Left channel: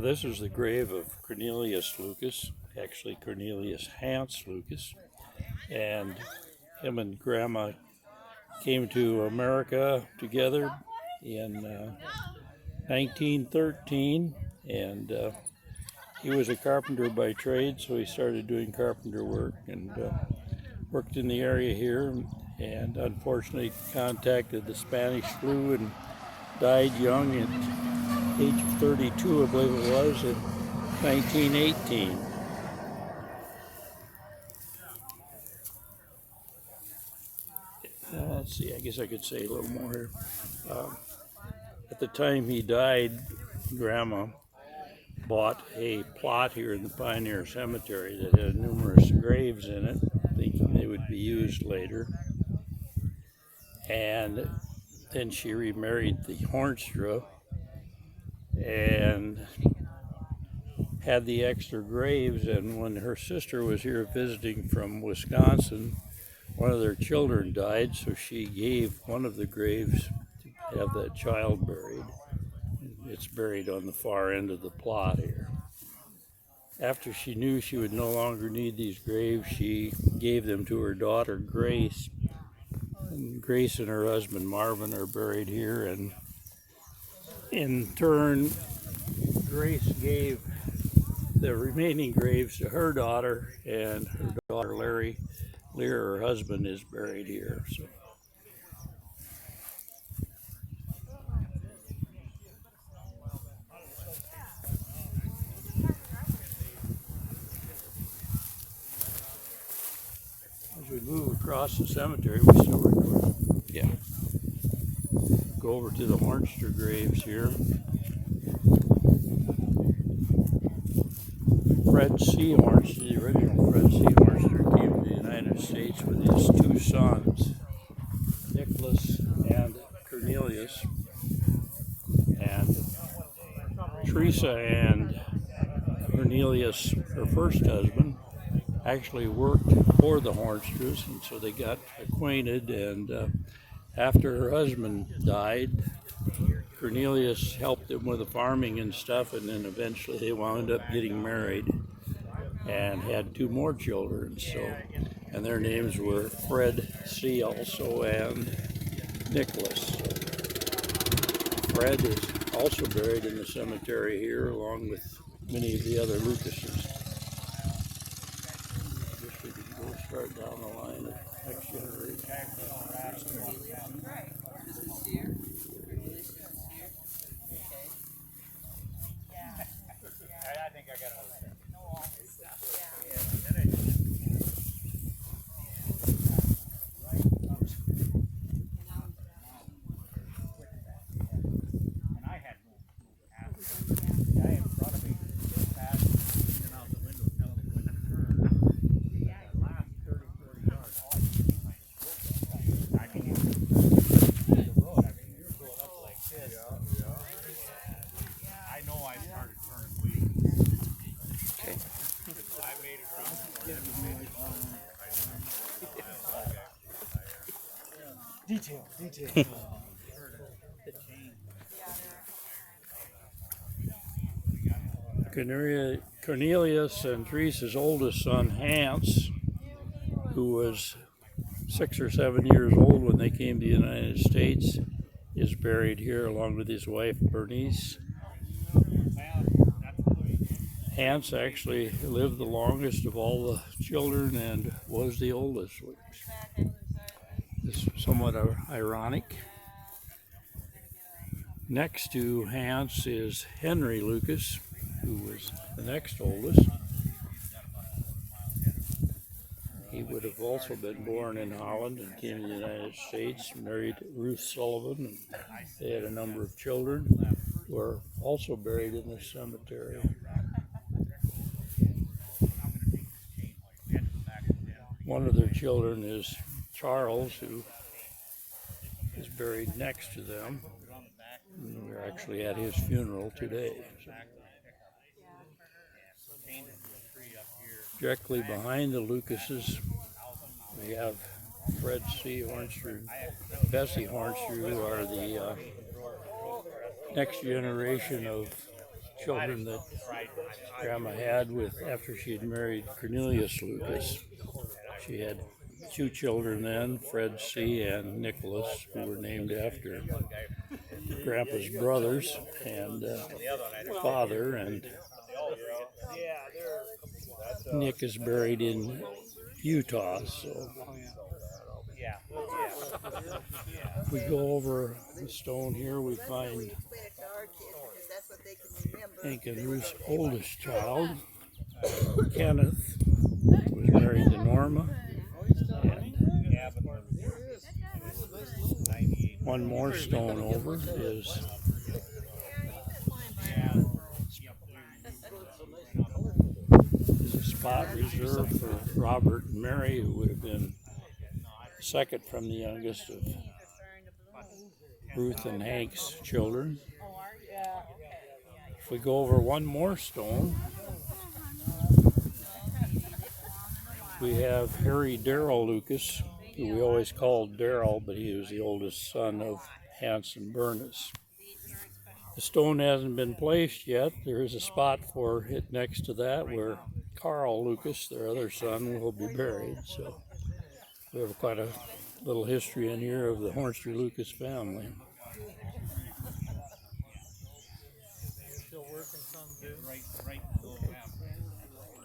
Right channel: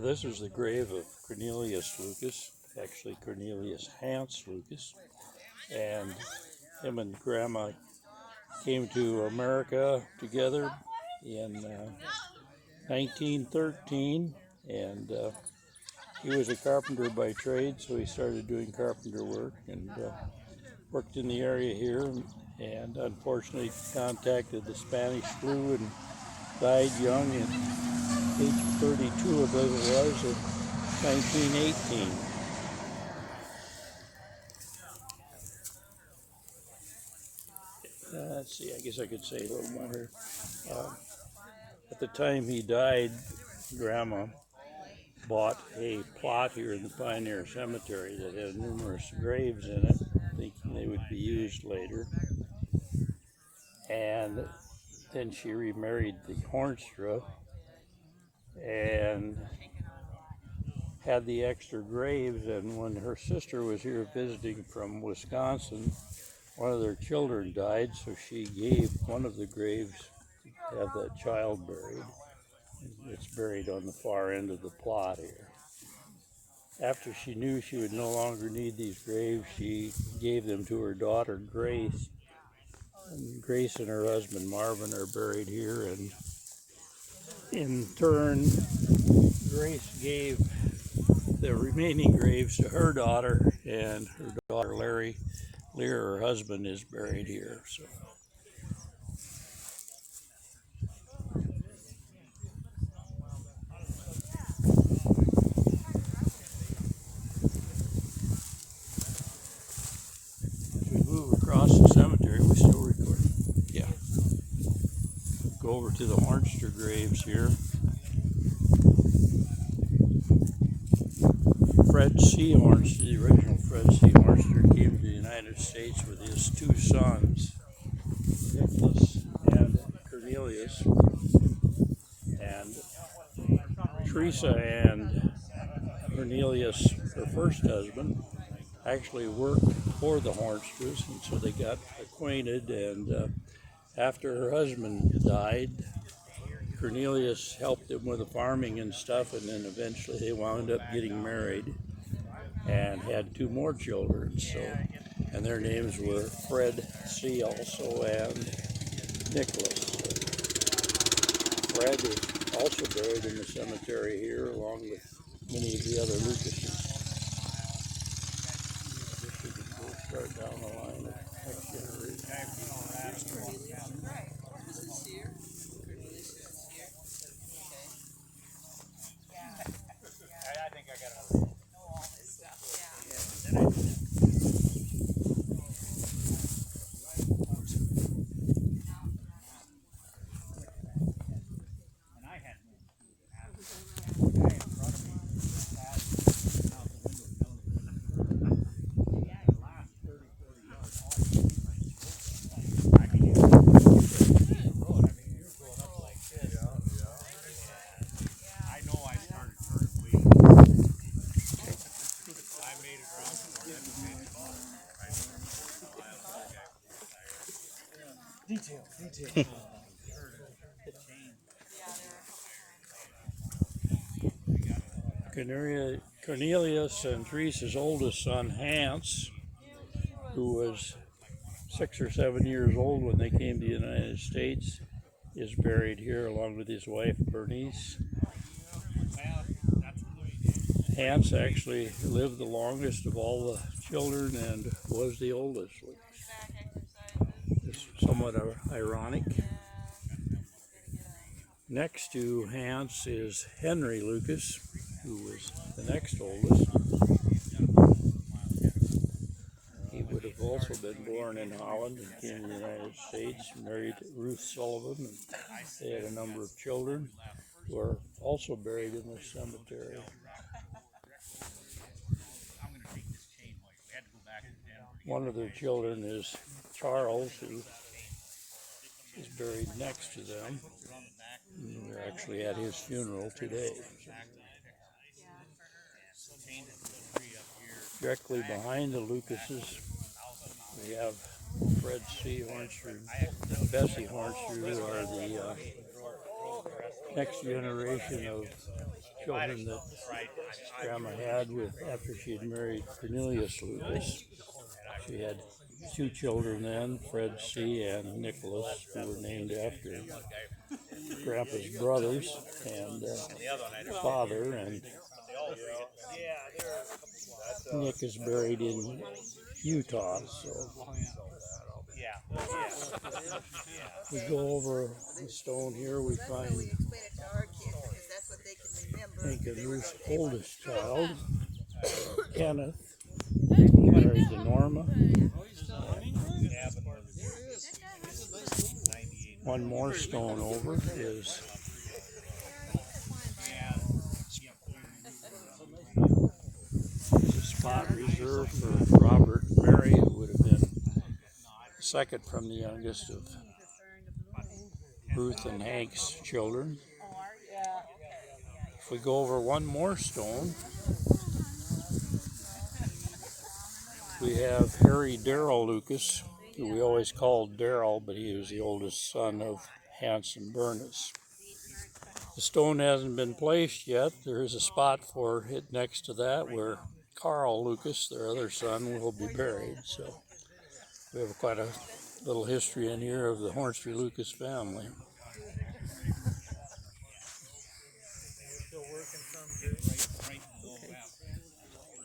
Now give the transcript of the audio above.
This is the grave of Cornelius Lucas, actually Cornelius Hans Lucas, and him and Grandma came to America together in 1913, and he was a carpenter by trade, so he started doing carpenter work and worked in the area here, and unfortunately contacted the Spanish flu and died young at age 32, I believe it was, in 1918. Let's see, I guess I could say a little more here. At the time he died, Grandma bought a plot here in the Pioneer Cemetery that had numerous graves in it, thinking they would be used later. And then she remarried the Hornstra and had the extra graves. And when her sister was here visiting from Wisconsin, one of their children died, so she gave one of the graves to have that child buried. It's buried on the far end of the plot here. After she knew she would no longer need these graves, she gave them to her daughter, Grace. And Grace and her husband, Marvin, are buried here. And in turn, Grace gave the remaining graves to her daughter, and her daughter, Lear, her husband, is buried here. So. We move across the cemetery, we still record. Yeah. Go over to the Hornstra graves here. Fred C. Hornstra, the original Fred C. Hornstra, came to the United States with his two sons, Nicholas and Cornelius. And Teresa and Cornelius, her first husband, actually worked for the Hornstras, and so they got acquainted. And after her husband died, Cornelius helped them with the farming and stuff, and then eventually they wound up getting married and had two more children. So, and their names were Fred C. also and Nicholas. Fred is also buried in the cemetery here, along with many of the other Lucases. We'll start down the line of next generation. I think I got it. Detail. Cornelius and Teresa's oldest son, Hans, who was 6 or 7 years old when they came to the United States, is buried here along with his wife, Bernice. Hans actually lived the longest of all the children and was the oldest. It's somewhat ironic. Next to Hans is Henry Lucas, who was the next oldest. He would have also been born in Holland and came to the United States, married Ruth Sullivan, and they had a number of children who are also buried in this cemetery. One of their children is Charles, who is buried next to them. And we're actually at his funeral today. So. Directly behind the Lucases, we have Fred C. Hornstra and Bessie Hornstra, who are the next generation of children that Grandma had with after she had married Cornelius Lucas. She had 2 children then, Fred C. and Nicholas, who were named after Grandpa's brothers and father. And Nick is buried in Utah. So if we go over the stone here, we find Ruth's oldest child, Kenneth, was married to Norma. One more stone over is a spot reserved for Robert and Mary, who would have been second from the youngest of Ruth and Hank's children. If we go over one more stone, we have Harry Darrell Lucas, who we always called Darrell, but he was the oldest son of Hanson Burness. The stone hasn't been placed yet. There is a spot for it next to that where Carl Lucas, their other son, will be buried. So we have quite a little history in here of the Hornster Lucas family. Still working some, dude.